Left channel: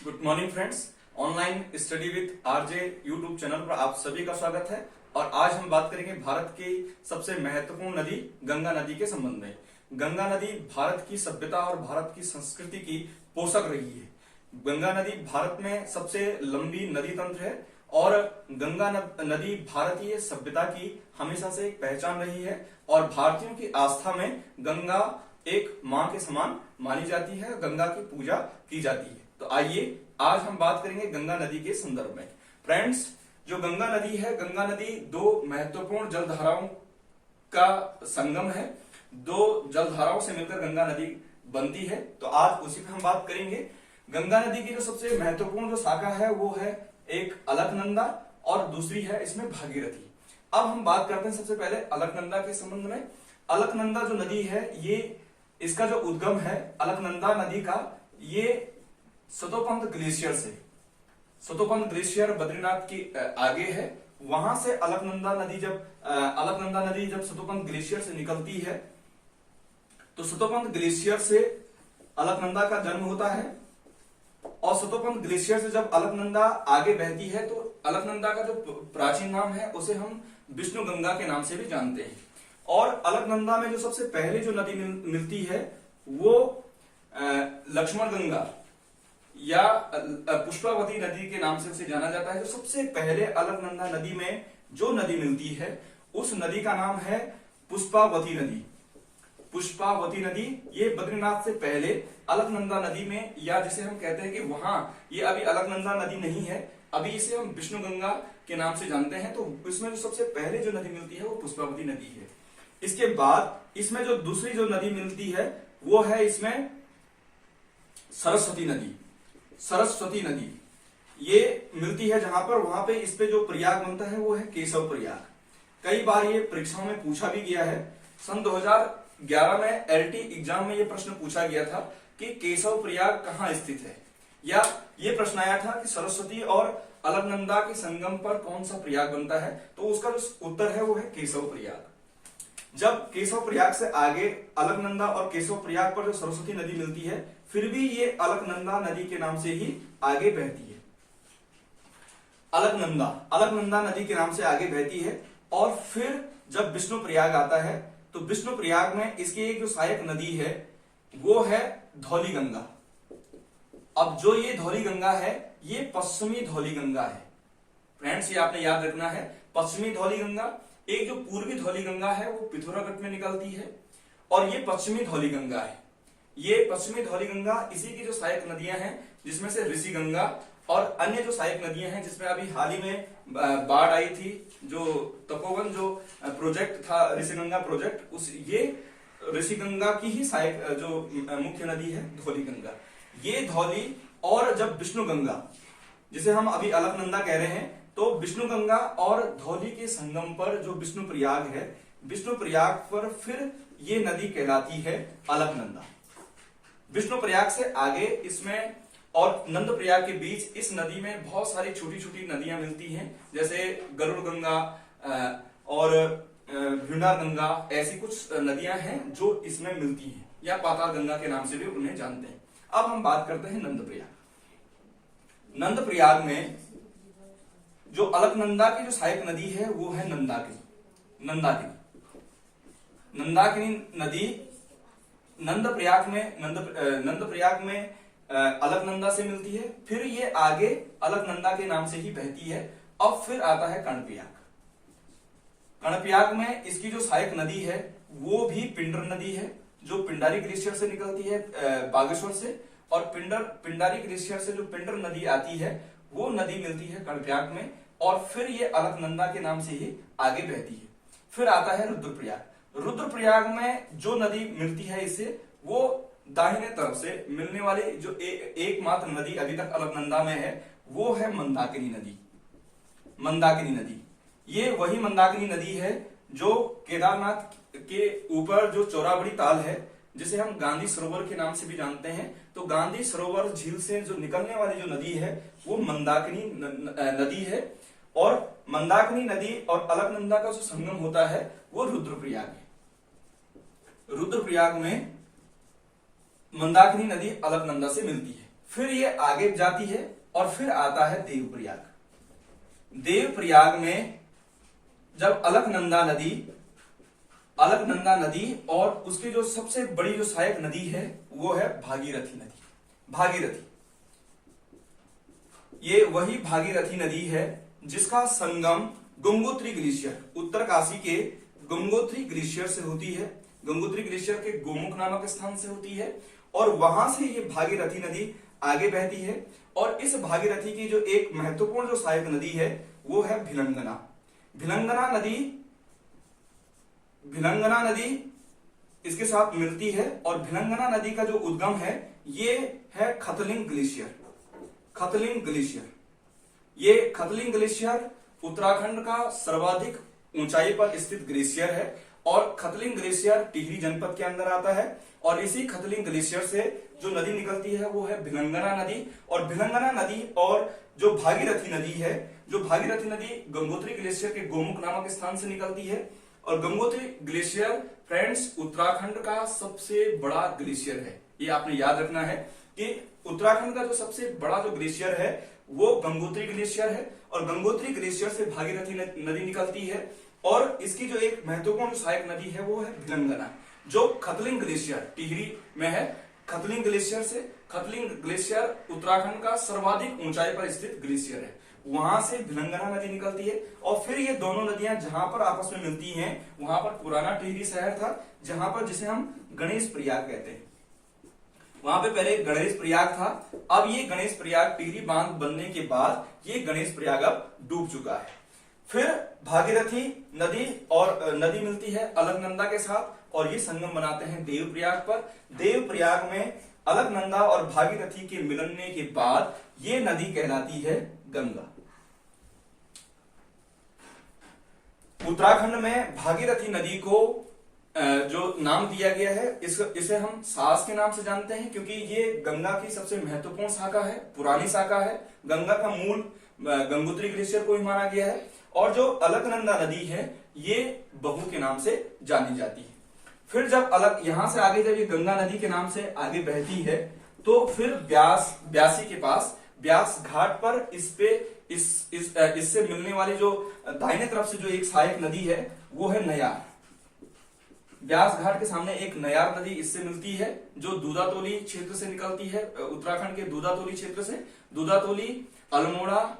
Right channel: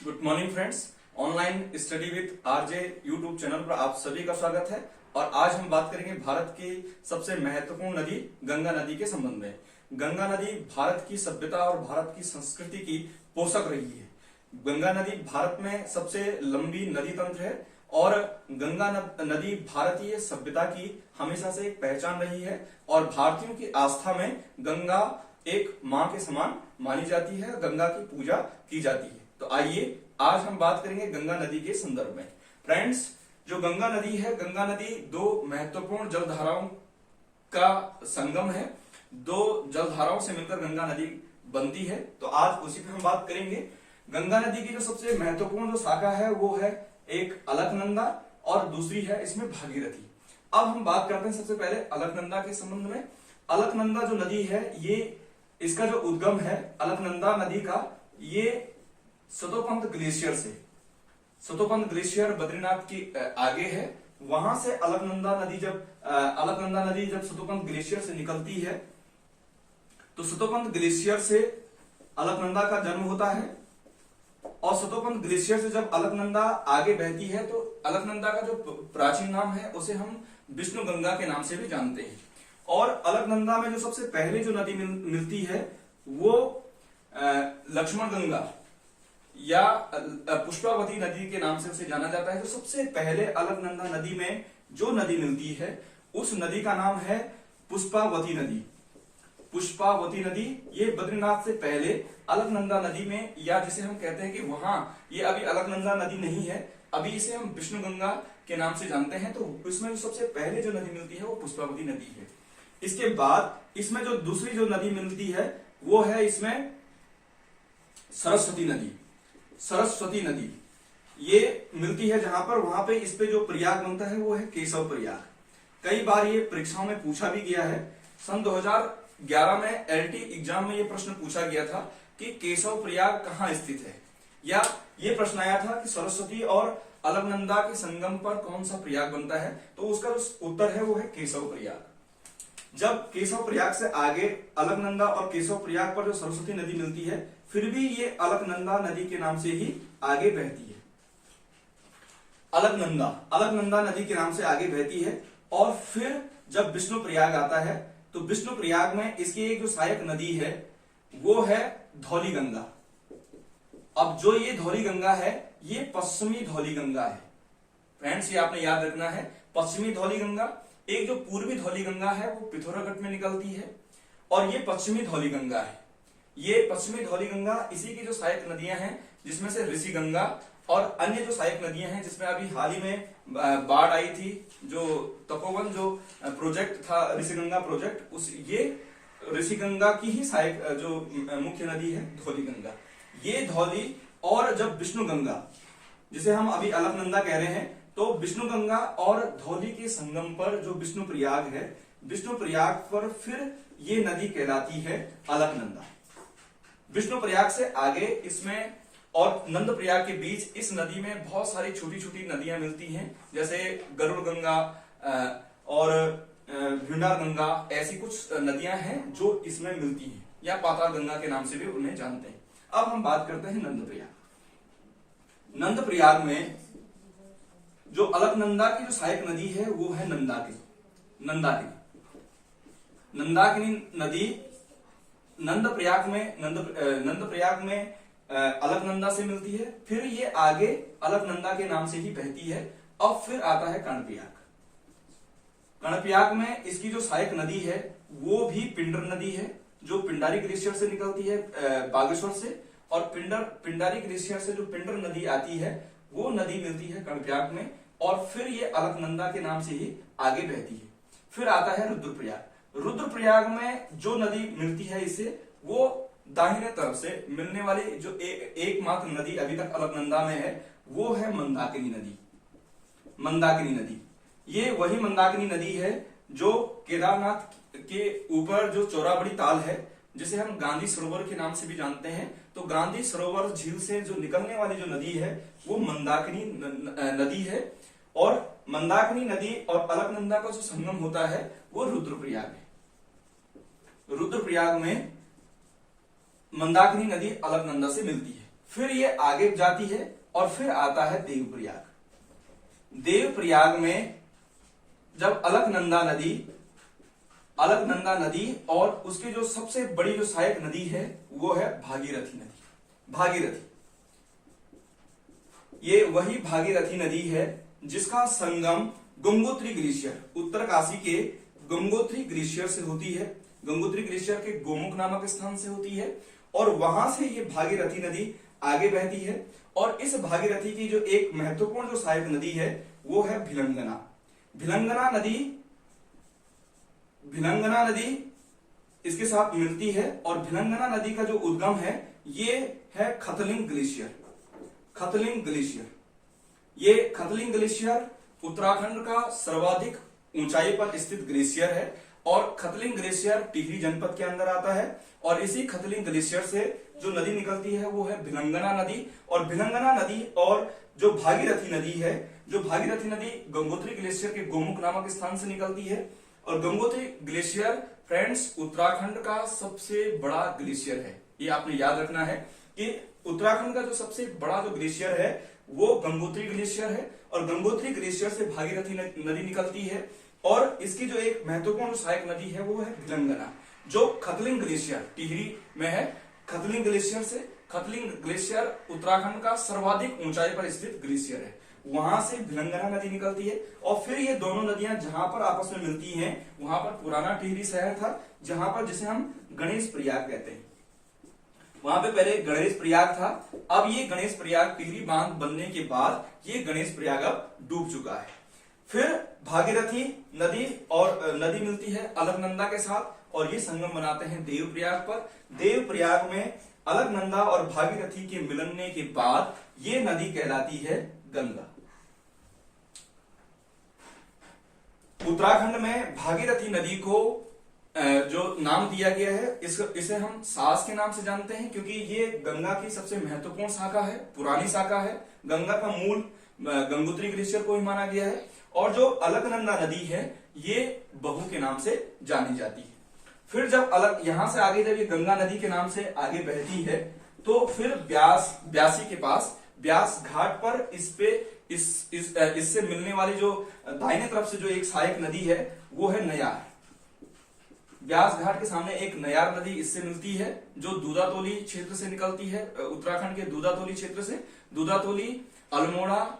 Good morning friends. Online study with RJ YouTube channel पर आप सभी का स्वागत है। और आज हम बात करेंगे भारत की सबसे महत्वपूर्ण नदी गंगा नदी के संबंध में। गंगा नदी भारत की सभ्यता और भारत की संस्कृति की पोषक रही है। गंगा नदी भारत में सबसे लंबी नदी तंत्र है और गंगा नदी भारतीय सभ्यता की हमेशा से एक पहचान रही है और भारतीयों की आस्था में गंगा एक मां के समान मानी जाती है, गंगा की पूजा की जाती है। तो आइए आज हम बात करेंगे गंगा नदी के संदर्भ में। फ्रेंड्स, जो गंगा नदी है, गंगा नदी दो महत्वपूर्ण जलधाराओं का संगम है। दो जलधाराओं से मिलकर गंगा नदी बनती है। तो आज उसी पर हम बात करेंगे। गंगा नदी की जो सबसे महत्वपूर्ण जो शाखा है वो है एक अलकनंदा और दूसरी है इसमें भागीरथी। अब हम बात करते हैं सबसे पहले अलकनंदा के संबंध में। अलकनंदा जो नदी है, ये इसका जो उद्गम है अलकनंदा नदी का, ये सतोपंथ ग्लेशियर से, सतोपंथ ग्लेशियर बद्रीनाथ की आगे है, वहां से अलकनंदा नदी जब सतोपंथ ग्लेशियर से निकलती है तो सतोपंथ ग्लेशियर से अलकनंदा का जन्म होता है। और सतोपंथ ग्लेशियर से जब अलकनंदा आगे बहती है तो अलकनंदा का जो प्राचीन नाम है उसे हम विष्णु गंगा के नाम से भी जानते हैं। और अलकनंदा में जो सबसे पहले जो नदी मिलती है वो लक्ष्मण गंगा या पुष्पावती नदी के नाम से उसे जाना जाता है। जो सबसे पहले अलकनंदा नदी में जो नदी मिलती है उस नदी का नाम है पुष्पावती नदी। पुष्पावती नदी ये बद्रीनाथ से पहले अलकनंदा नदी में, या जिसे हम कहते हैं कि वहां ये अभी अलकनंदा नदी नहीं है, अभी इसे हम विष्णु गंगा के नाम से जानते हैं। तो इसमें जो सबसे पहले जो नदी मिलती है वो पुष्पावती नदी है। इसके बाद इसमें जो दूसरी जो नदी मिलती है वो है इसमें सरस्वती नदी। सरस्वती नदी ये मिलती है जहां पर, वहां पे इस पे जो प्रयाग बनता है वो है केशव प्रयाग। कई बार ये परीक्षाओं में पूछा भी गया है। सन 2011 में एलटी एग्जाम में ये प्रश्न पूछा गया था कि केशव प्रयाग कहाँ स्थित है, या ये प्रश्न आया था कि सरस्वती और अलकनंदा के संगम पर कौन सा प्रयाग बनता है, तो उसका जो उत्तर है वो है केशव प्रयाग। जब केशव प्रयाग से आगे अलकनंदा और केशव प्रयाग पर जो सरस्वती नदी मिलती है, फिर भी ये अलकनंदा नदी के नाम से ही आगे बहती है। अलकनंदा नदी के नाम से आगे बहती है। और फिर जब विष्णु प्रयाग आता है तो विष्णु प्रयाग में इसकी एक जो सहायक नदी है वो है धौली गंगा। अब जो ये धौली गंगा है ये पश्चिमी धौली गंगा है। फ्रेंड्स, ये आपने याद रखना है, पश्चिमी धौली गंगा। एक जो पूर्वी धौली गंगा है वो पिथौरागढ़ में निकलती है और ये पश्चिमी धौली गंगा है। ये पश्चिमी धौली गंगा इसी की जो सहायक नदियां हैं, जिसमें से ऋषि गंगा और अन्य जो सहायक नदियां हैं, जिसमें अभी हाल ही में बाढ़ आई थी, जो तपोवन जो प्रोजेक्ट था ऋषि गंगा प्रोजेक्ट, उस ये ऋषि गंगा की ही सहायक जो मुख्य नदी है धौली गंगा। ये धौली और जब विष्णु गंगा, जिसे हम अभी अलकनंदा कह रहे हैं, तो विष्णु गंगा और धौली के संगम पर जो विष्णु प्रयाग है, विष्णु प्रयाग पर फिर ये नदी कहलाती है अलकनंदा। विष्णु प्रयाग से आगे इसमें और नंद प्रयाग के बीच इस नदी में बहुत सारी छोटी छोटी नदियां मिलती हैं, जैसे गरुड़ गंगा और भिंडार गंगा, ऐसी कुछ नदियां हैं जो इसमें मिलती हैं, या पाताल गंगा के नाम से भी उन्हें जानते हैं। अब हम बात करते हैं नंद प्रयाग। नंद प्रयाग में जो अलकनंदा की जो सहायक नदी है वो है नंदाकिनी। नंदाकिनी नदी नंद प्रयाग में अलकनंदा से मिलती है, फिर ये आगे अलकनंदा के नाम से ही बहती है। अब फिर आता है कर्णप्रयाग। कर्णप्रयाग में इसकी जो सहायक नदी है वो भी पिंडर नदी है, जो पिंडारी ग्लेशियर से निकलती है बागेश्वर से, और पिंडारी ग्लेशियर से जो पिंडर नदी आती है वो नदी मिलती है कर्णप्रयाग में, और फिर ये अलकनंदा के नाम से ही आगे बहती है। फिर आता है रुद्रप्रयाग। रुद्रप्रयाग में जो नदी मिलती है इसे, वो दाहिने तरफ से मिलने वाली जो एकमात्र नदी अभी तक अलकनंदा में है वो है मंदाकिनी नदी। मंदाकिनी नदी ये वही मंदाकिनी नदी है जो केदारनाथ के ऊपर जो चौराबड़ी ताल है, जिसे हम गांधी सरोवर के नाम से भी जानते हैं। तो गांधी सरोवर झील से जो निकलने वाली जो नदी है वो मंदाकिनी नदी है, और मंदाकिनी नदी और अलकनंदा का जो संगम होता है वो रुद्रप्रयाग है। रुद्रप्रयाग में मंदाकिनी नदी अलकनंदा से मिलती है। फिर ये आगे जाती है और फिर आता है देवप्रयाग। देवप्रयाग में जब अलकनंदा नदी और उसकी जो सबसे बड़ी जो सहायक नदी है वो है भागीरथी नदी। भागीरथी, ये वही भागीरथी नदी है जिसका संगम गंगोत्री ग्लेशियर, उत्तरकाशी के गंगोत्री ग्लेशियर से होती है। गंगोत्री ग्लेशियर के गोमुख नामक स्थान से होती है और वहां से ये भागीरथी नदी आगे बहती है। और इस भागीरथी की जो एक महत्वपूर्ण जो सहायक नदी है वो है भिलंगना। भिलंगना नदी इसके साथ मिलती है और भिलंगना नदी का जो उद्गम है ये है खतलिंग ग्लेशियर। खतलिंग ग्लेशियर, ये खतलिंग ग्लेशियर उत्तराखंड का सर्वाधिक ऊंचाई पर स्थित ग्लेशियर है और खतलिंग ग्लेशियर टिहरी जनपद के अंदर आता है। और इसी खतलिंग ग्लेशियर से जो नदी निकलती है वो है भिलंगना नदी। और भिलंगना नदी और जो भागीरथी नदी है, जो भागीरथी नदी गंगोत्री ग्लेशियर के गोमुख नामक स्थान से निकलती है। और गंगोत्री ग्लेशियर फ्रेंड्स उत्तराखंड का सबसे बड़ा ग्लेशियर है। ये आपने याद रखना है कि उत्तराखंड का जो सबसे बड़ा जो ग्लेशियर है वो गंगोत्री ग्लेशियर है और गंगोत्री ग्लेशियर से भागीरथी नदी निकलती है। और इसकी जो एक महत्वपूर्ण सहायक नदी है वो है भिलंगना, जो खतलिंग ग्लेशियर टिहरी में है। खतलिंग ग्लेशियर से, खतलिंग ग्लेशियर उत्तराखंड का सर्वाधिक ऊंचाई पर स्थित ग्लेशियर है, वहां से भिलंगना नदी निकलती है। और फिर ये दोनों नदियां जहां पर आपस में मिलती हैं वहां पर पुराना टिहरी शहर था, जहां पर जिसे हम गणेश प्रयाग कहते हैं। वहां पे पहले गणेश प्रयाग था। अब ये गणेश प्रयाग टिहरी बांध बनने के बाद ये गणेश प्रयाग अब डूब चुका है। फिर भागीरथी नदी और नदी मिलती है अलकनंदा के साथ और ये संगम बनाते हैं देवप्रयाग पर। देवप्रयाग में अलकनंदा और भागीरथी के मिलने के बाद ये नदी कहलाती है गंगा। उत्तराखंड में भागीरथी नदी को जो नाम दिया गया है इसे हम सास के नाम से जानते हैं, क्योंकि ये गंगा की सबसे महत्वपूर्ण शाखा है, पुरानी शाखा है। गंगा का मूल गंगोत्री ग्लेशियर को ही माना गया है। और जो अलकनंदा नदी है ये बहू के नाम से जानी जाती है। फिर जब यहां से आगे जब ये गंगा नदी के नाम से आगे बहती है तो फिर ब्यासी के पास ब्यास घाट पर इससे मिलने वाली जो दाहिने तरफ से जो एक सहायक नदी है वो है नयार। ब्यास घाट के सामने एक नयार नदी इससे मिलती है जो दूधातोली क्षेत्र से निकलती है, उत्तराखंड के दूधातोली क्षेत्र से। दूधातोली, अल्मोड़ा,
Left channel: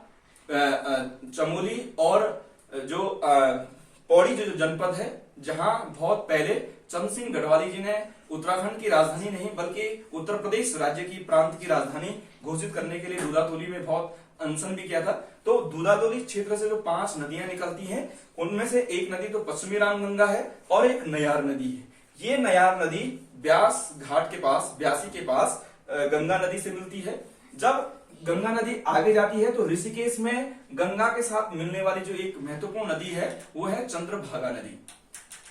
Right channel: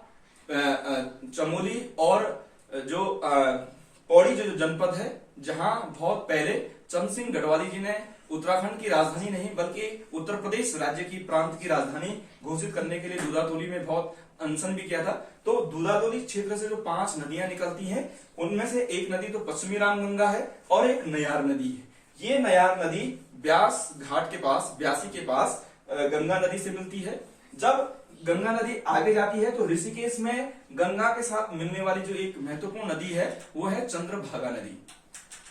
चमोली और जो पौड़ी जो जनपद है, जहां बहुत पहले चंद सिंह गढ़वाली जी ने उत्तराखंड की राजधानी नहीं बल्कि उत्तर प्रदेश राज्य की प्रांत की राजधानी घोषित करने के लिए दूधातोली में बहुत अनशन भी किया था। तो दूधातोली क्षेत्र से जो 5 नदियां निकलती हैं उनमें से एक नदी तो पश्चिमी रामगंगा है और एक नयार नदी है। ये नयार नदी ब्यास घाट के पास, ब्यासी के पास गंगा नदी से मिलती है। जब गंगा नदी आगे जाती है तो ऋषिकेश में गंगा के साथ मिलने वाली जो एक महत्वपूर्ण नदी है वो है चंद्रभागा नदी।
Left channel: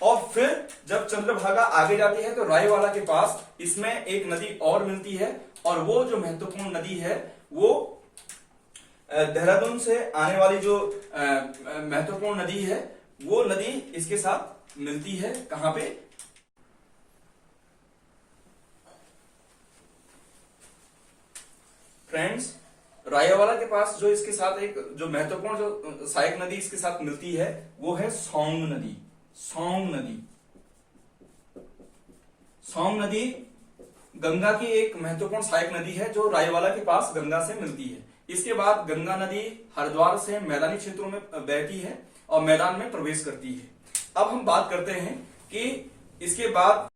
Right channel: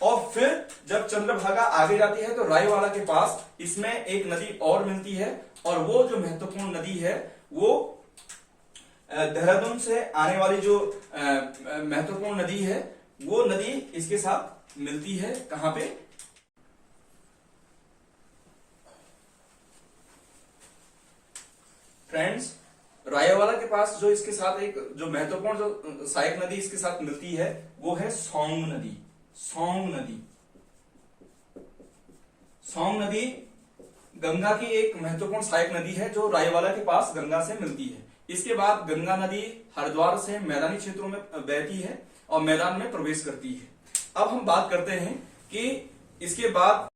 और फिर जब चंद्रभागा आगे जाती है तो रायवाला के पास इसमें एक नदी और मिलती है और वो जो महत्वपूर्ण नदी है वो देहरादून से आने वाली जो महत्वपूर्ण नदी है वो नदी इसके साथ मिलती है। कहां पे? फ्रेंड्स, रायवाला के पास जो इसके साथ एक जो महत्वपूर्ण जो सहायक नदी इसके साथ मिलती है वो है सौंग नदी। सौंग नदी, सौंग नदी गंगा की एक महत्वपूर्ण सहायक नदी है जो रायवाला के पास गंगा से मिलती है। इसके बाद गंगा नदी हरिद्वार से मैदानी क्षेत्रों में बहती है और मैदान में प्रवेश करती है। अब हम बात करते हैं कि इसके बाद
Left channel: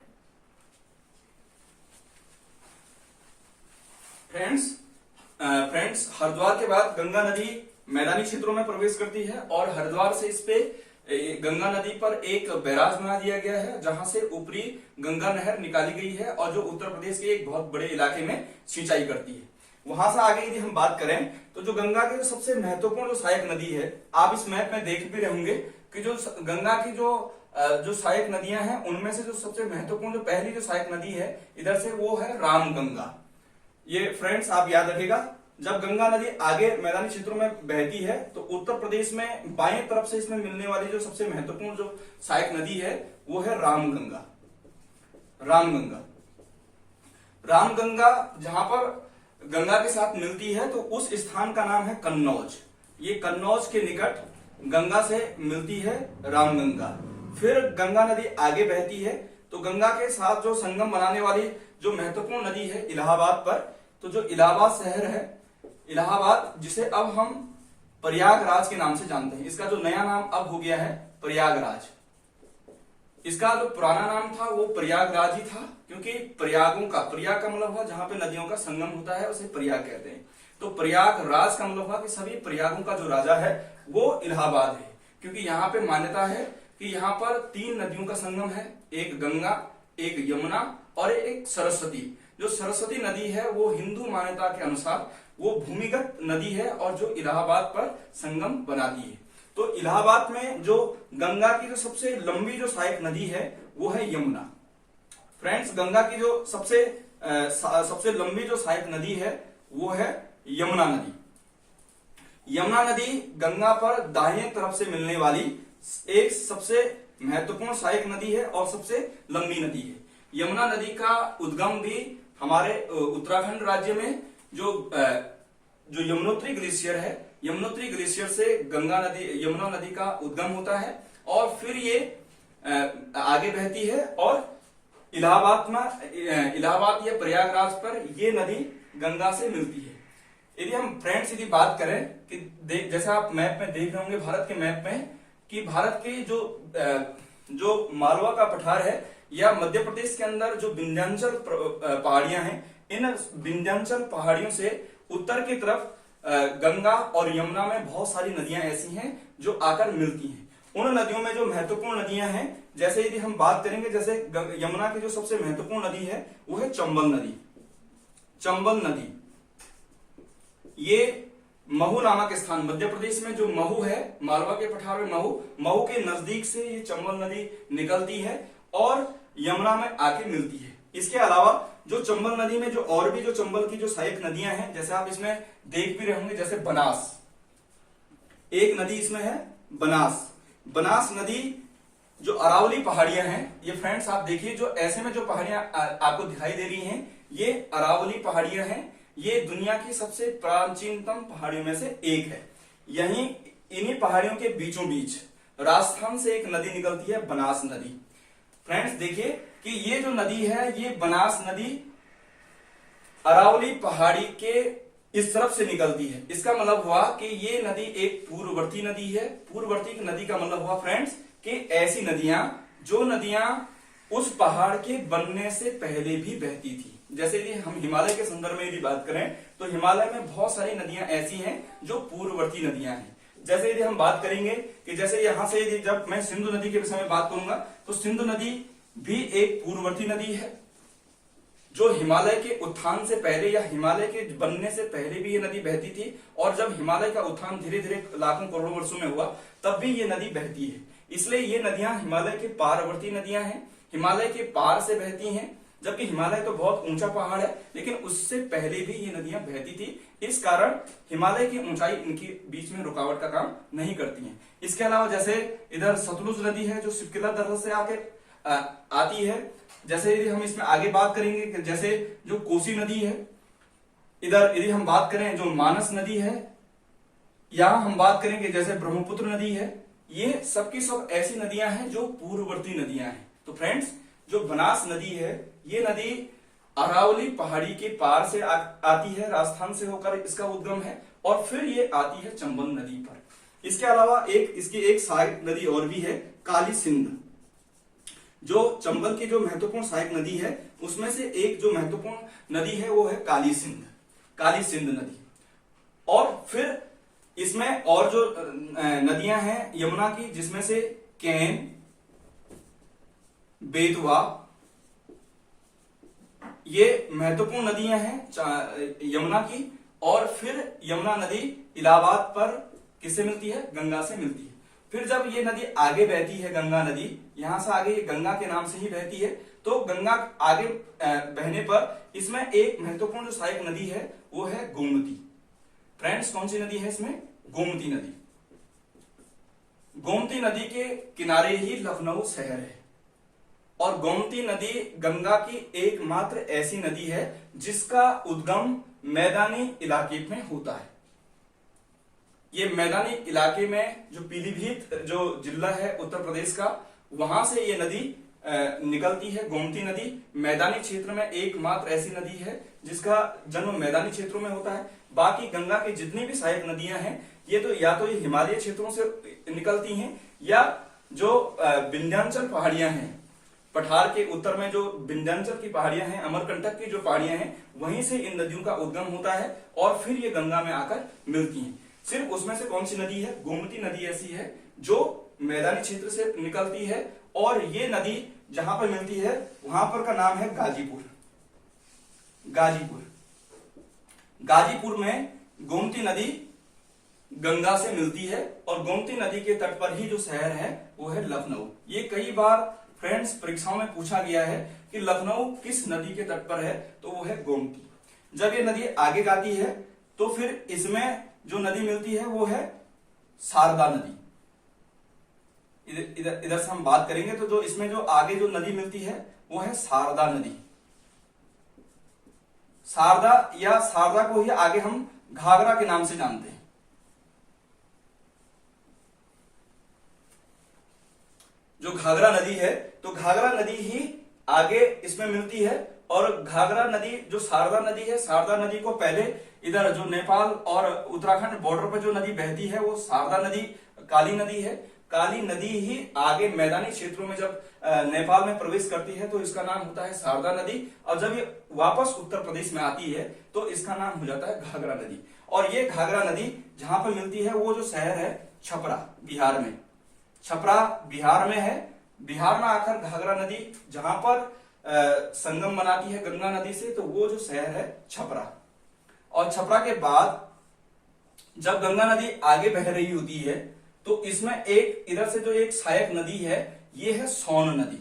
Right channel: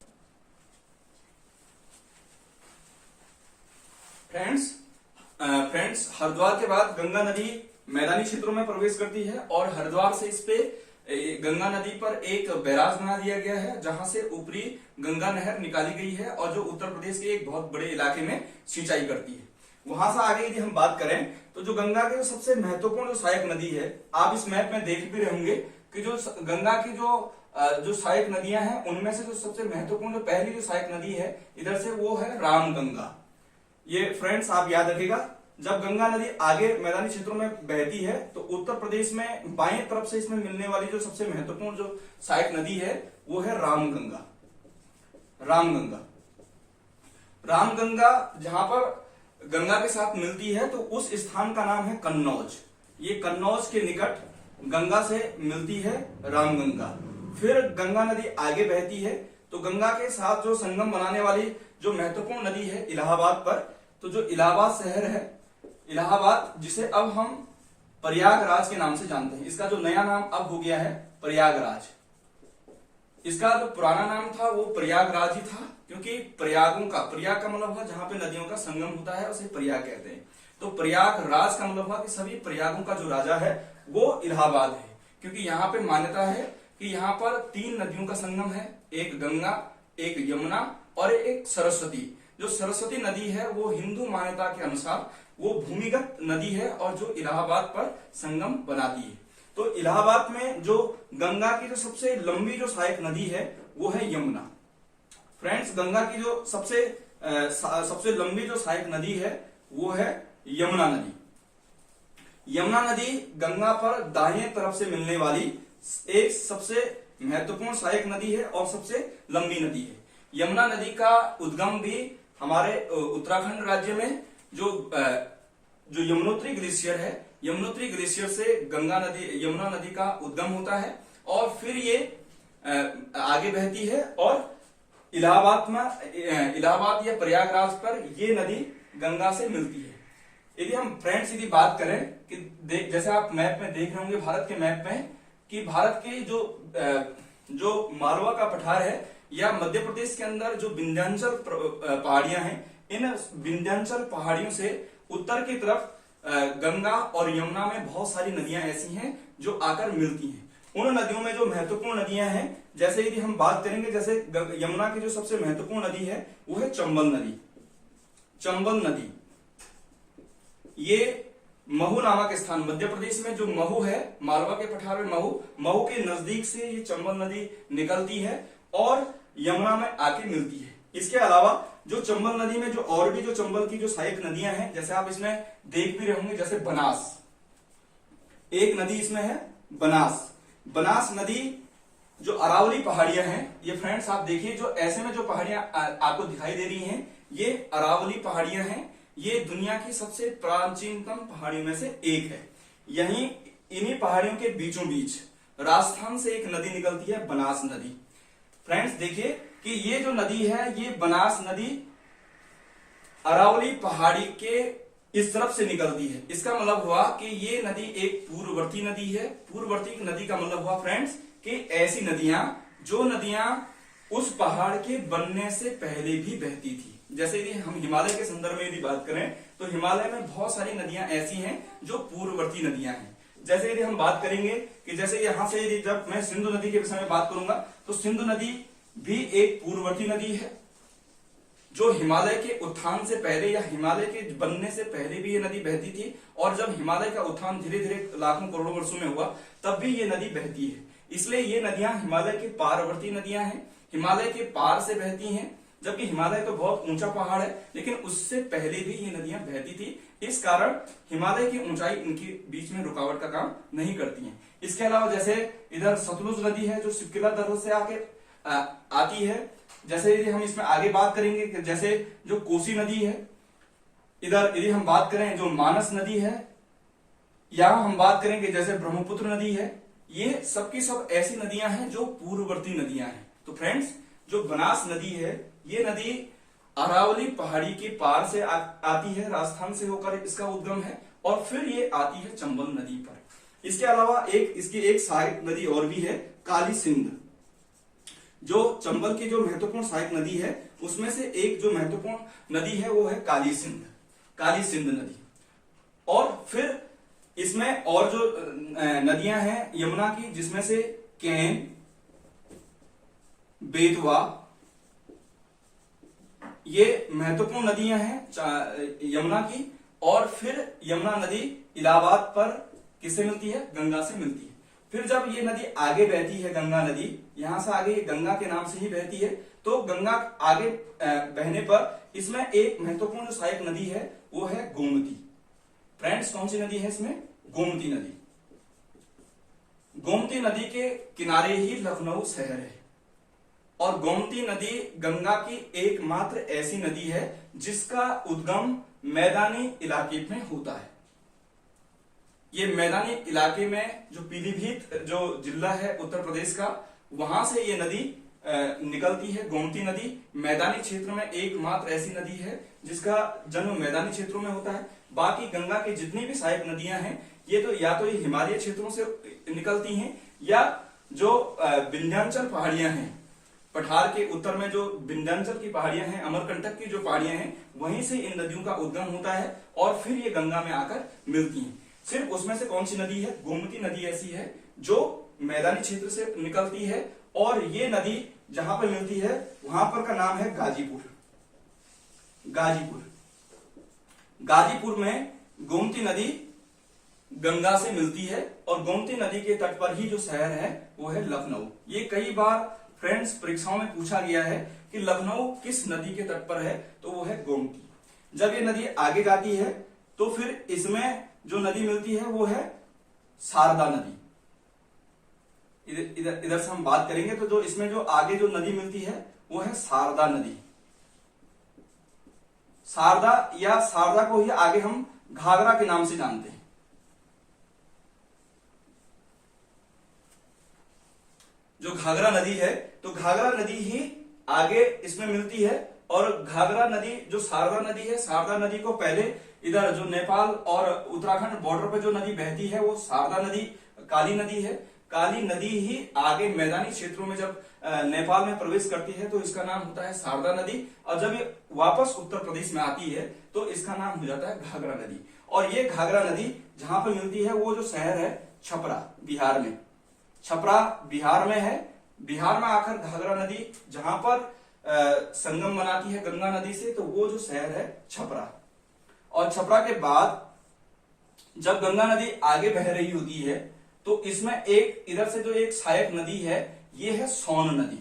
फ्रेंड्स हरिद्वार के बाद गंगा नदी मैदानी क्षेत्रों में प्रवेश करती है और हरिद्वार से इस पे गंगा नदी पर एक बैराज बना दिया गया है जहां से ऊपरी गंगा नहर निकाली गई है और जो उत्तर प्रदेश के एक बहुत बड़े इलाके में सिंचाई करती है। वहां से आगे यदि हम बात करें तो जो गंगा की सबसे महत्वपूर्ण जो सहायक नदी है, आप इस मैप में देख भी रहेंगे कि जो गंगा की जो सहायक नदियां हैं उनमें से जो सबसे महत्वपूर्ण जो पहली जो सहायक नदी है इधर से वो है रामगंगा। ये फ्रेंड्स आप याद रखिएगा, जब गंगा नदी आगे मैदानी क्षेत्रों में बहती है तो उत्तर प्रदेश में बाएं तरफ से इसमें मिलने वाली जो सबसे महत्वपूर्ण जो सहायक नदी है वो है रामगंगा। रामगंगा जहां पर गंगा के साथ मिलती है तो उस स्थान का नाम है कन्नौज। ये कन्नौज के निकट गंगा से मिलती है रामगंगा। फिर गंगा नदी आगे बहती है तो गंगा के साथ जो संगम बनाने वाली जो महत्वपूर्ण नदी है इलाहाबाद पर, तो जो इलाहाबाद शहर है, इलाहाबाद जिसे अब हम प्रयागराज के नाम से जानते हैं, इसका जो नया नाम अब हो गया है प्रयागराज। इसका जो पुराना नाम था वो प्रयागराज ही था, क्योंकि प्रयाग का मतलब है जहां पे नदियों का संगम होता है उसे प्रयाग कहते हैं। तो प्रयागराज का मतलब हुआ कि सभी प्रयागों का जो राजा है वो इलाहाबाद है, क्योंकि यहाँ पे मान्यता है कि यहाँ पर 3 नदियों का संगम है, एक गंगा, एक यमुना और एक सरस्वती। जो सरस्वती नदी है वो हिंदू मान्यता के अनुसार वो भूमिगत नदी है और जो इलाहाबाद पर संगम बनाती है। तो इलाहाबाद में जो गंगा की जो सबसे लंबी जो सहायक नदी है वो है यमुना। फ्रेंड्स, गंगा की जो सबसे लंबी जो सहायक नदी है वो है यमुना नदी। यमुना नदी गंगा पर दाहिने तरफ से मिलने वाली एक सबसे महत्वपूर्ण सहायक नदी है और सबसे लंबी नदी है। यमुना नदी का उद्गम भी हमारे उत्तराखंड राज्य में जो यमुनोत्री ग्लेशियर है, यमुनोत्री ग्लेशियर से यमुना नदी का उद्गम होता है और फिर ये आगे बहती है और इलाहाबाद या प्रयागराज पर ये नदी गंगा से मिलती है। यदि हम फ्रेंड्स यदि बात करें कि जैसे आप मैप में देख रहे होंगे, भारत के मैप में, कि भारत के जो मालवा का पठार है या मध्य प्रदेश के अंदर जो विंध्याचल पहाड़ियां हैं, इन विंध्याचल पहाड़ियों से उत्तर की तरफ गंगा और यमुना में बहुत सारी नदियां ऐसी हैं जो आकर मिलती हैं। उन नदियों में जो महत्वपूर्ण नदियां हैं, जैसे यदि हम बात करेंगे, जैसे यमुना की जो सबसे महत्वपूर्ण नदी है वो है चंबल नदी। चंबल नदी ये महू नामक स्थान, मध्य प्रदेश में जो महू है, मालवा के पठार में महू के नजदीक से ये चंबल नदी निकलती है और यमुना में आके मिलती है। इसके अलावा जो चंबल नदी में जो और भी जो चंबल की जो सहायक नदियां हैं, जैसे आप इसमें देख भी रहे होंगे, जैसे बनास, एक नदी इसमें है बनास नदी। जो अरावली पहाड़ियां हैं, ये फ्रेंड्स आप देखिए, जो ऐसे में जो पहाड़ियां आपको दिखाई दे रही हैं, ये अरावली पहाड़ियां हैं। ये दुनिया की सबसे प्राचीनतम पहाड़ियों में से एक है। यहीं इन्हीं पहाड़ियों के बीचों बीच राजस्थान से एक नदी निकलती है, बनास नदी। फ्रेंड्स देखिए कि ये जो नदी है, ये बनास नदी अरावली पहाड़ी के इस तरफ से निकलती है। इसका मतलब हुआ कि ये नदी एक पूर्ववर्ती नदी है। पूर्ववर्ती नदी का मतलब हुआ फ्रेंड्स कि ऐसी नदियां जो नदियां उस पहाड़ के बनने से पहले भी बहती थी। जैसे यदि हम हिमालय के संदर्भ में यदि बात करें तो हिमालय में बहुत सारी नदियां ऐसी हैं जो पूर्ववर्ती नदियां हैं। जैसे यदि हम बात करेंगे कि जैसे यहां से यदि जब मैं सिंधु नदी के विषय में बात करूंगा तो सिंधु नदी भी एक पूर्ववर्ती नदी है जो हिमालय के उत्थान से पहले या हिमालय के बनने से पहले भी ये नदी बहती थी, और जब हिमालय का उत्थान धीरे धीरे लाखों करोड़ों वर्षों में हुआ तब भी ये नदी बहती है। इसलिए ये नदियां हिमालय के पारवर्ती नदियां हैं, हिमालय के पार से बहती हैं। जबकि हिमालय तो बहुत ऊंचा पहाड़ है, लेकिन उससे पहले भी ये नदियां बहती थी। इस कारण हिमालय की ऊंचाई इनके बीच में रुकावट का काम नहीं करती है। इसके अलावा जैसे इधर सतलुज नदी है जो सिरकिला दर्रे से आके आती है। जैसे यदि हम इसमें आगे बात करेंगे कि जैसे जो कोसी नदी है, इधर यदि हम बात करें जो मानस नदी है, यहां हम बात करेंगे जैसे ब्रह्मपुत्र नदी है, ये सबकी सब ऐसी नदियां हैं जो पूर्ववर्ती नदियां हैं। तो फ्रेंड्स, जो बनास नदी है ये नदी अरावली पहाड़ी के पार से आती है, राजस्थान से होकर इसका उद्गम है, और फिर ये आती है चंबल नदी पर। इसके अलावा इसकी एक सहायक नदी और भी है, काली सिंध। जो चंबल की जो महत्वपूर्ण सहायक नदी है उसमें से एक जो महत्वपूर्ण नदी है वो है काली सिंध नदी। और फिर इसमें और जो नदियां हैं यमुना की, जिसमें से केन, बेतवा, ये महत्वपूर्ण नदियां हैं यमुना की। और फिर यमुना नदी इलाहाबाद पर किससे मिलती है? गंगा से मिलती है। फिर जब ये नदी आगे बहती है, गंगा नदी यहां से आगे गंगा के नाम से ही बहती है, तो गंगा आगे बहने पर इसमें एक महत्वपूर्ण जो सहायक नदी है वो है गोमती। फ्रेंड्स, कौन सी नदी है इसमें? गोमती नदी। गोमती नदी के किनारे ही लखनऊ शहर है, और गोमती नदी गंगा की एकमात्र ऐसी नदी है जिसका उद्गम मैदानी इलाके में होता है। ये मैदानी इलाके में जो पीलीभीत जो जिला है उत्तर प्रदेश का, वहां से ये नदी निकलती है। गोमती नदी मैदानी क्षेत्र में एकमात्र ऐसी नदी है जिसका जन्म मैदानी क्षेत्रों में होता है। बाकी गंगा की जितनी भी सहायक नदियां हैं ये तो या तो ये हिमालय क्षेत्रों से निकलती हैं या जो विंध्याचल पहाड़ियां हैं, पठार के उत्तर में जो विंध्याचल की पहाड़ियां हैं, अमरकंटक की जो पहाड़ियां हैं, वहीं से इन नदियों का उद्गम होता है और फिर ये गंगा में आकर मिलती हैं। सिर्फ उसमें से कौन सी नदी है? गोमती नदी ऐसी है जो मैदानी क्षेत्र से निकलती है और ये नदी जहां पर मिलती है वहां पर का नाम है गाजीपुर। गाजीपुर में गोमती नदी गंगा से मिलती है और गोमती नदी के तट पर ही जो शहर है वो है लखनऊ। ये कई बार फ्रेंड्स परीक्षाओं में पूछा गया है कि लखनऊ किस नदी के तट पर है, तो वो है गोमती। जब ये नदी आगे जाती है तो फिर इसमें जो नदी मिलती है वो है शारदा नदी। इधर से हम बात करेंगे तो जो इसमें जो आगे जो नदी मिलती है वो है शारदा नदी। शारदा या शारदा को ही आगे हम घाघरा के नाम से जानते हैं। जो घाघरा नदी है तो घाघरा नदी ही आगे इसमें मिलती है और घाघरा नदी जो शारदा नदी है, शारदा नदी को पहले इधर जो नेपाल और उत्तराखंड बॉर्डर पर जो नदी बहती है वो शारदा नदी काली नदी है। काली नदी ही आगे मैदानी क्षेत्रों में जब नेपाल में प्रवेश करती है तो इसका नाम होता है शारदा नदी और जब ये वापस उत्तर प्रदेश में आती है तो इसका नाम हो जाता है घाघरा नदी। और ये घाघरा नदी जहां पर मिलती है वो जो शहर है छपरा, बिहार में। छपरा बिहार में है। बिहार में आकर घाघरा नदी जहां पर संगम बनाती है गंगा नदी से, तो वो जो शहर है छपरा। और छपरा के बाद जब गंगा नदी आगे बह रही होती है तो इसमें एक इधर से जो एक सहायक नदी है ये है सोन नदी।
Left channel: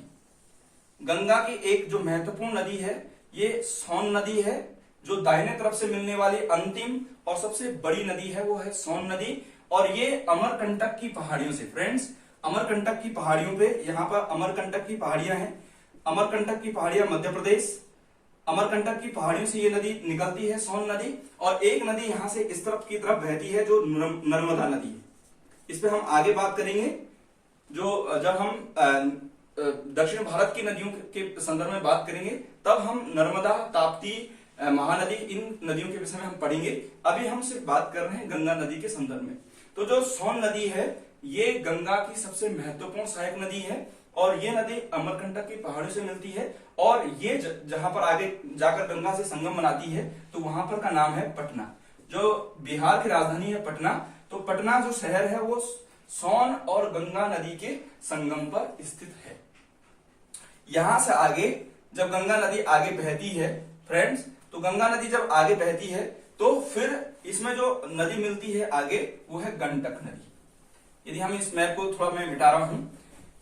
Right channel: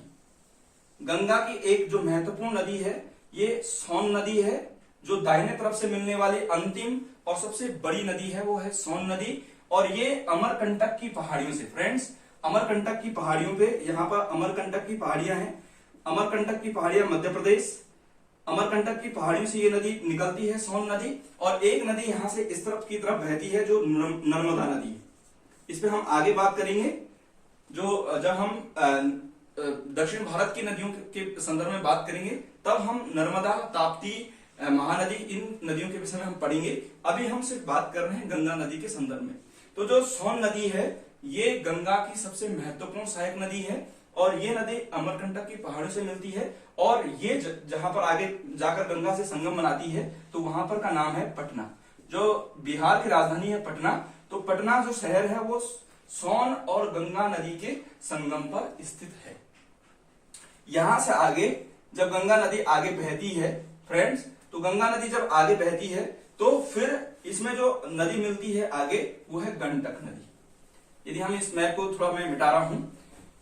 गंगा की एक जो महत्वपूर्ण नदी है ये सोन नदी है। जो दाहिने तरफ से मिलने वाली अंतिम और सबसे बड़ी नदी है वो है सोन नदी और ये अमरकंटक की पहाड़ियों से, फ्रेंड्स अमरकंटक की पहाड़ियों पे, यहाँ पर अमरकंटक की पहाड़ियां हैं। अमरकंटक की पहाड़ियां मध्य प्रदेश, अमरकंटक की पहाड़ियों से ये नदी निकलती है सोन नदी। और एक नदी यहां से इस तरफ की तरफ बहती है जो नर्मदा नदी। इस पे हम आगे बात करेंगे जो जब हम दक्षिण भारत की नदियों के संदर्भ में बात करेंगे तब हम नर्मदा, ताप्ती, महानदी इन नदियों के विषय में हम पढ़ेंगे। अभी हम सिर्फ बात कर रहे हैं गंगा नदी के संदर्भ में। तो जो सोन नदी है ये गंगा की सबसे महत्वपूर्ण सहायक नदी है और ये नदी अमरकंटक की पहाड़ियों से मिलती है और ये जहां पर आगे जाकर गंगा से संगम बनाती है तो वहां पर का नाम है पटना। जो बिहार की राजधानी है पटना, तो पटना जो शहर है वो सोन और गंगा नदी के संगम पर स्थित है। यहां से आगे जब गंगा नदी आगे बहती है फ्रेंड्स, तो गंगा नदी जब आगे बहती है तो फिर इसमें जो नदी मिलती है आगे वो है गंडक नदी। यदि हम इस मैप को थोड़ा मैं मिटा रहा हूं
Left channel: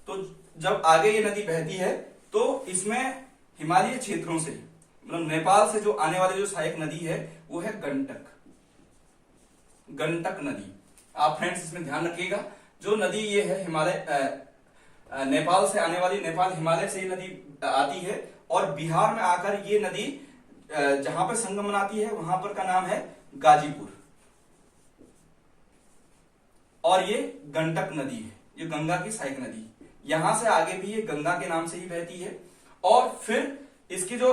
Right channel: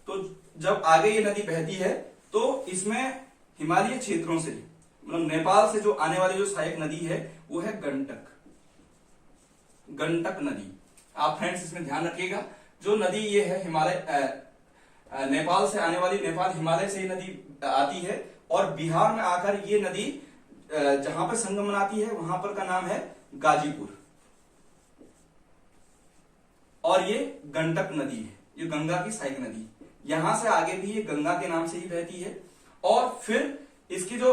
तो जब आगे ये नदी बहती है तो इसमें हिमालय क्षेत्रों से, मतलब नेपाल से जो आने वाली जो सहायक नदी है वो है गंडक नदी। आप फ्रेंड्स इसमें ध्यान रखिएगा, जो नदी ये है हिमालय नेपाल से आने वाली, नेपाल हिमालय से ये नदी आती है और बिहार में आकर ये नदी जहां पर संगम बनाती है वहां पर का नाम है गाजीपुर। और ये गंडक नदी है, ये गंगा की सहायक नदी। यहां से आगे भी ये गंगा के नाम से ही बहती है और फिर इसकी जो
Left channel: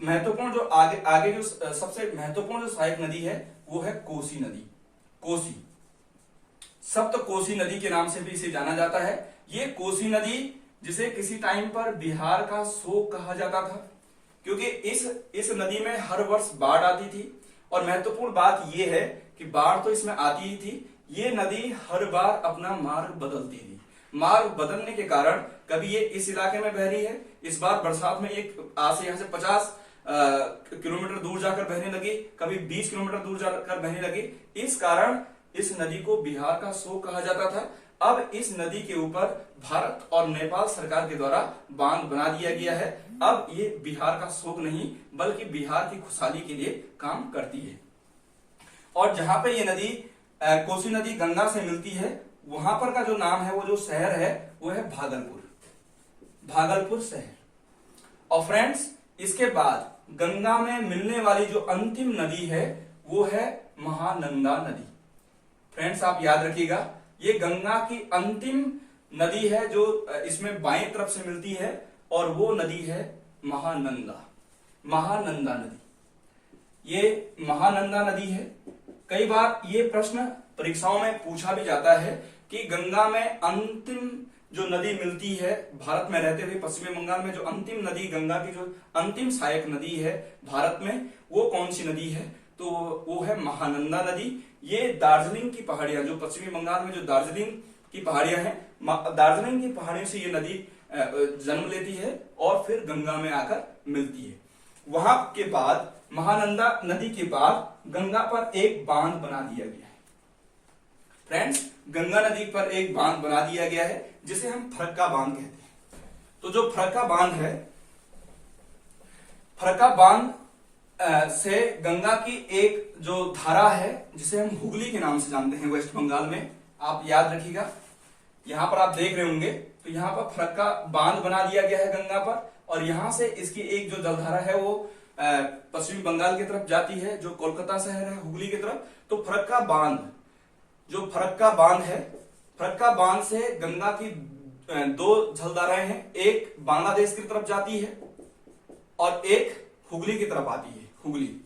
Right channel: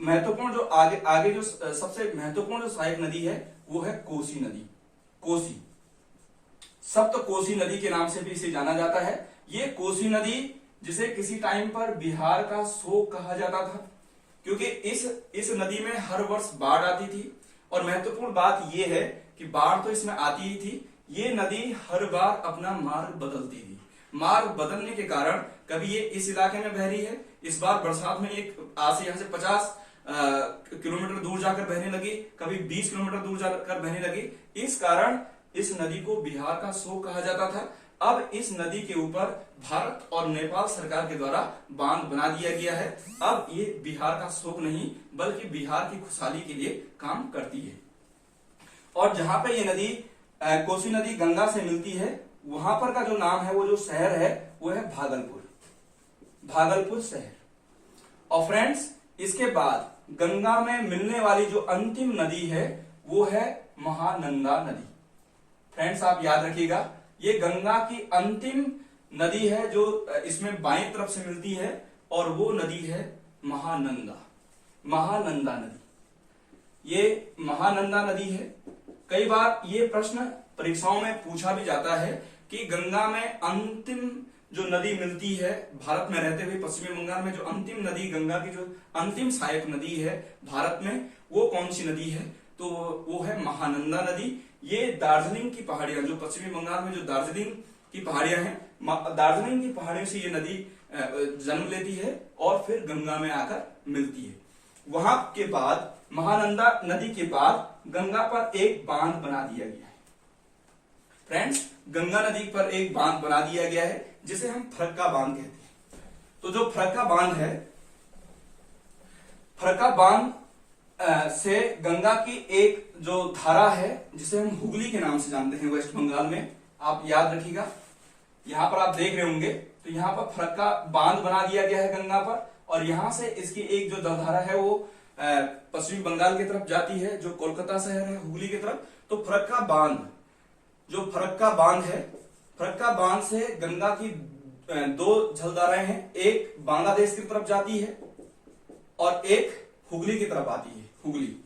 महत्वपूर्ण जो आगे जो सबसे महत्वपूर्ण जो सहायक नदी है वो है कोसी नदी। कोसी, सप्त कोसी नदी के नाम से भी इसे जाना जाता है। ये कोसी नदी जिसे किसी टाइम पर बिहार का शोक कहा जाता था क्योंकि इस नदी में हर वर्ष बाढ़ आती थी और महत्वपूर्ण बात यह है कि बाढ़ तो इसमें आती ही थी, ये नदी हर बार अपना मार्ग बदलती थी। मार्ग बदलने के कारण कभी ये इस इलाके में बह रही है, इस बार बरसात में एक आज से यहाँ से 50 किलोमीटर दूर जाकर बहने लगी, कभी 20 किलोमीटर दूर जाकर बहने लगी। इस कारण इस नदी को बिहार का शोक कहा जाता था। अब इस नदी के ऊपर भारत और नेपाल सरकार के द्वारा बांध बना दिया गया है। अब ये बिहार का शोक नहीं बल्कि बिहार की खुशहाली के लिए काम करती है। और जहां पे ये नदी कोसी नदी गंगा से मिलती है वहां पर का जो नाम है, वो जो शहर है वो है भागलपुर, भागलपुर शहर। और फ्रेंड्स इसके बाद गंगा में मिलने वाली जो अंतिम नदी है वो है महानंदा नदी। फ्रेंड्स आप याद रखिएगा, ये गंगा की अंतिम नदी है जो इसमें बाएं तरफ से मिलती है, और वो नदी है महानंदा, महानंदा नदी। ये महानंदा नदी है। कई बार ये प्रश्न परीक्षाओं में पूछा भी जाता है कि गंगा में अंतिम जो नदी मिलती है, भारत में रहते हुए पश्चिमी बंगाल में जो अंतिम नदी, गंगा की जो अंतिम सहायक नदी है भारत में, वो कौन सी नदी है? तो वो है महानंदा नदी। ये दार्जिलिंग की पहाड़ियां, जो पश्चिमी बंगाल में जो दार्जिलिंग की पहाड़ियां हैं, दार्जिलिंग की पहाड़ियों से ये नदी जन्म लेती है और फिर गंगा में आकर मिलती है। वहां के बाद, महानंदा नदी के बाद गंगा पर एक बांध बना दिया गया है। फ्रेंड्स, गंगा नदी पर एक बांध बना दिया गया है जिसे हम फरक्का बांध कहते हैं। तो जो फरक्का बांध है, फरक्का बांध से गंगा की एक जो धारा है जिसे हम हुगली के नाम से जानते हैं वेस्ट बंगाल में, आप याद रखिएगा। यहां पर आप देख रहे होंगे, तो यहां पर फरक्का बांध बना दिया गया है गंगा पर, और यहां से इसकी एक जो जलधारा है वो पश्चिमी बंगाल की तरफ जाती है, जो कोलकाता शहर है हुगली की तरफ। तो फरक्का बांध, जो फरक्का बांध है, फरक्का बांध से गंगा की दो जलधाराएं हैं, एक बांग्लादेश की तरफ जाती है और एक हुगली की तरफ आती है, हुगली।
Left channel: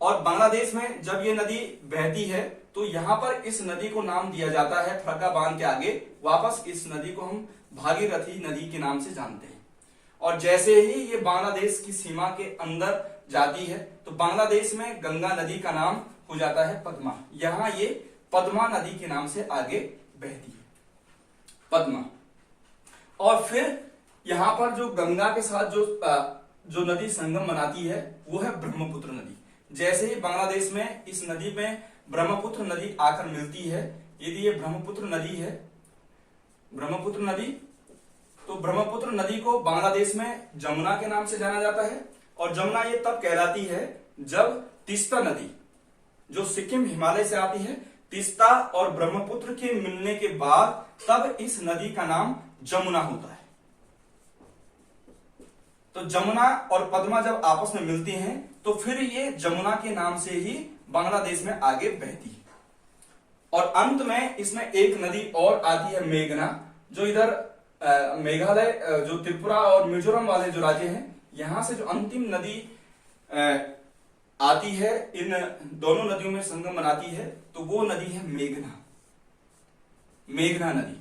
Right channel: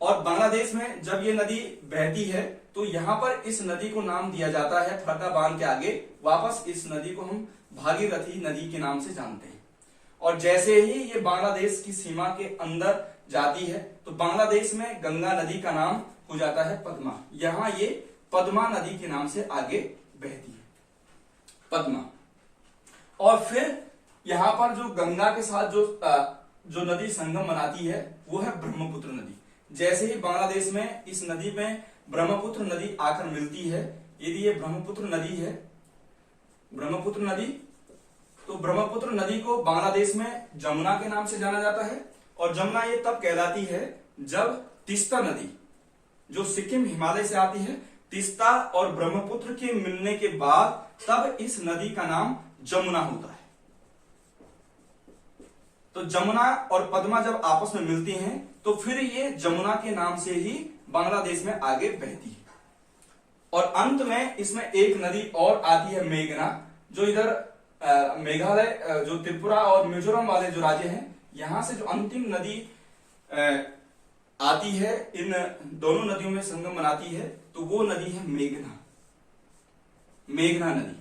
और बांग्लादेश में जब ये नदी बहती है तो यहां पर इस नदी को नाम दिया जाता है, फरक्का बांध के आगे वापस इस नदी को हम भागीरथी नदी के नाम से जानते हैं। और जैसे ही ये बांग्लादेश की सीमा के अंदर जाती है तो बांग्लादेश में गंगा नदी का नाम हो जाता है पद्मा। यहां ये पद्मा नदी के नाम से आगे बहती है, पद्मा। और फिर यहां पर जो गंगा के साथ जो नदी संगम बनाती है वो है ब्रह्मपुत्र नदी। जैसे ही बांग्लादेश में इस नदी में ब्रह्मपुत्र नदी आकर मिलती है, यदि ये ब्रह्मपुत्र नदी है, ब्रह्मपुत्र नदी, तो ब्रह्मपुत्र नदी को बांग्लादेश में जमुना के नाम से जाना जाता है। और जमुना ये तब कहलाती है जब तीस्ता नदी, जो सिक्किम हिमालय से आती है, तीस्ता और ब्रह्मपुत्र के मिलने के बाद तब इस नदी का नाम जमुना होता है। तो जमुना और पद्मा जब आपस में मिलती हैं तो फिर ये जमुना के नाम से ही बांग्लादेश में आगे बहती है। और अंत में इसमें एक नदी और आती है, मेघना, जो इधर मेघालय, जो त्रिपुरा और मिजोरम वाले जो राज्य हैं, यहां से जो अंतिम नदी आती है, इन दोनों नदियों में संगम बनाती है, तो वो नदी है मेघना, मेघना नदी।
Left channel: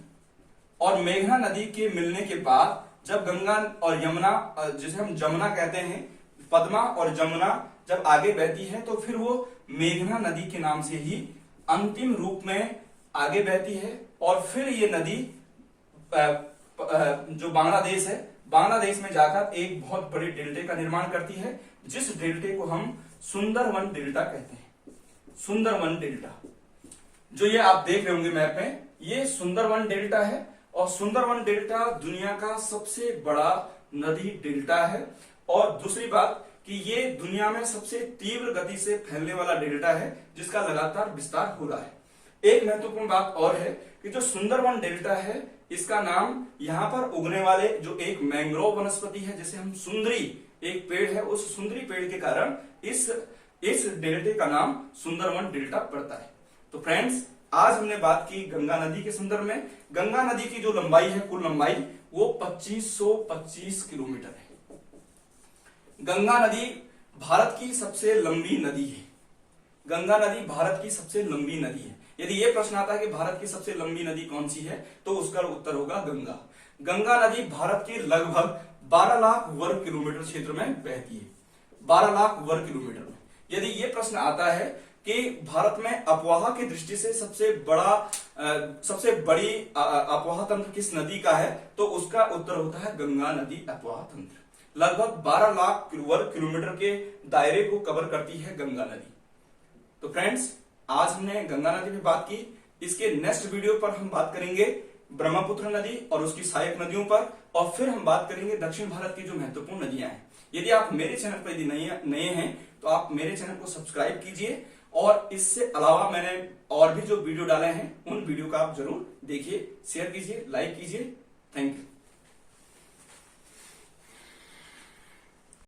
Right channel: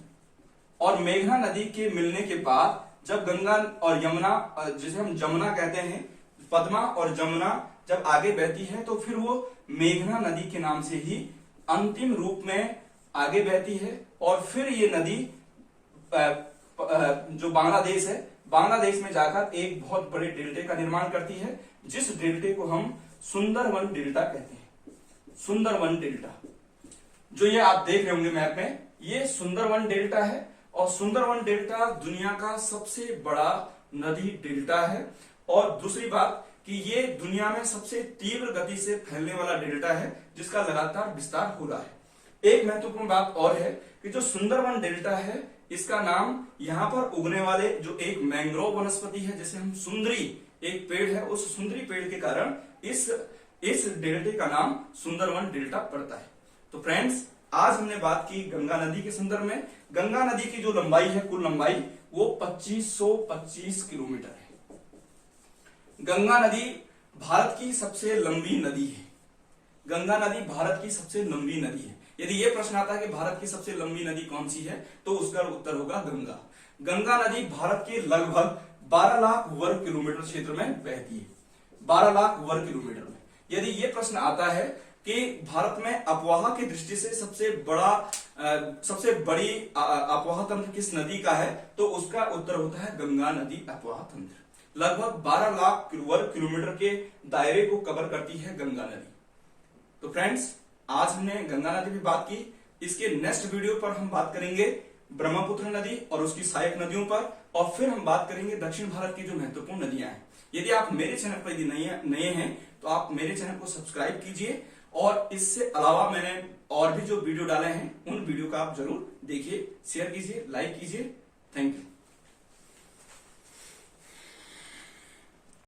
और मेघना नदी के मिलने के बाद जब गंगा और यमुना, जिसे हम जमुना कहते हैं, पद्मा और जमुना जब आगे बहती है तो फिर वो मेघना नदी के नाम से ही अंतिम रूप में आगे बहती है। और फिर ये नदी जो बांग्लादेश है, बांग्लादेश में जाकर एक बहुत बड़े डेल्टे का निर्माण करती है, जिस डेल्टे को हम सुंदरवन डेल्टा कहते हैं। सुंदरवन डेल्टा, जो ये आप देख रहे होंगे मैप में, ये सुंदरवन डेल्टा है। और सुंदरवन डेल्टा दुनिया का सबसे बड़ा नदी डेल्टा है। और दूसरी बात कि ये दुनिया में सबसे तीव्र गति से फैलने वाला डेल्टा है, जिसका लगातार विस्तार हो रहा है। एक महत्वपूर्ण बात और है कि जो सुंदरवन डेल्टा है, इसका नाम यहां पर उगने वाले जो एक मैंग्रोव वनस्पति है, जिसे हम सुंदरी, एक पेड़ है, उस सुंदरी पेड़ के कारण इस डेल्टे का नाम सुंदरवन डेल्टा पड़ता है। तो फ्रेंड्स, आज हमने बात की गंगा नदी के संदर्भ में। गंगा नदी की जो लंबाई है, कुल लंबाई, वो 2525 किलोमीटर है। गंगा नदी भारत की सबसे लंबी नदी है। गंगा नदी भारत की सबसे लंबी नदी है। यदि यह प्रश्न आता है कि भारत की सबसे लंबी नदी कौन सी है, तो उसका उत्तर होगा गंगा। गंगा नदी भारत के लगभग 12 लाख वर्ग किलोमीटर क्षेत्र में बहती है, 12 लाख वर्ग किलोमीटर में। यदि यह प्रश्न आता है कि भारत में अपवाह की दृष्टि से सबसे बड़ी अपवाह तंत्र किस नदी का है, तो उसका उत्तर होता है गंगा नदी अपवाह तंत्र। लगभग 12 लाख वर्ग किलोमीटर के दायरे को कवर करती है गंगा नदी। तो फ्रेंड्स, आज हमने गंगा नदी पे बात की। इसके नेक्स्ट वीडियो पर हम बात करेंगे ब्रह्मपुत्र नदी और उसकी सहायक नदियों पर, और फिर हम बात करेंगे दक्षिण भारत की जो महत्वपूर्ण नदियां हैं। यदि आप मेरे चैनल पर यदि नए हैं तो आप मेरे चैनल को सब्सक्राइब कीजिए, और इससे अलावा मैंने और भी जो वीडियो डाले हैं उन वीडियो का आप जरूर देखिए, शेयर कीजिए, लाइक कीजिए। Thank you.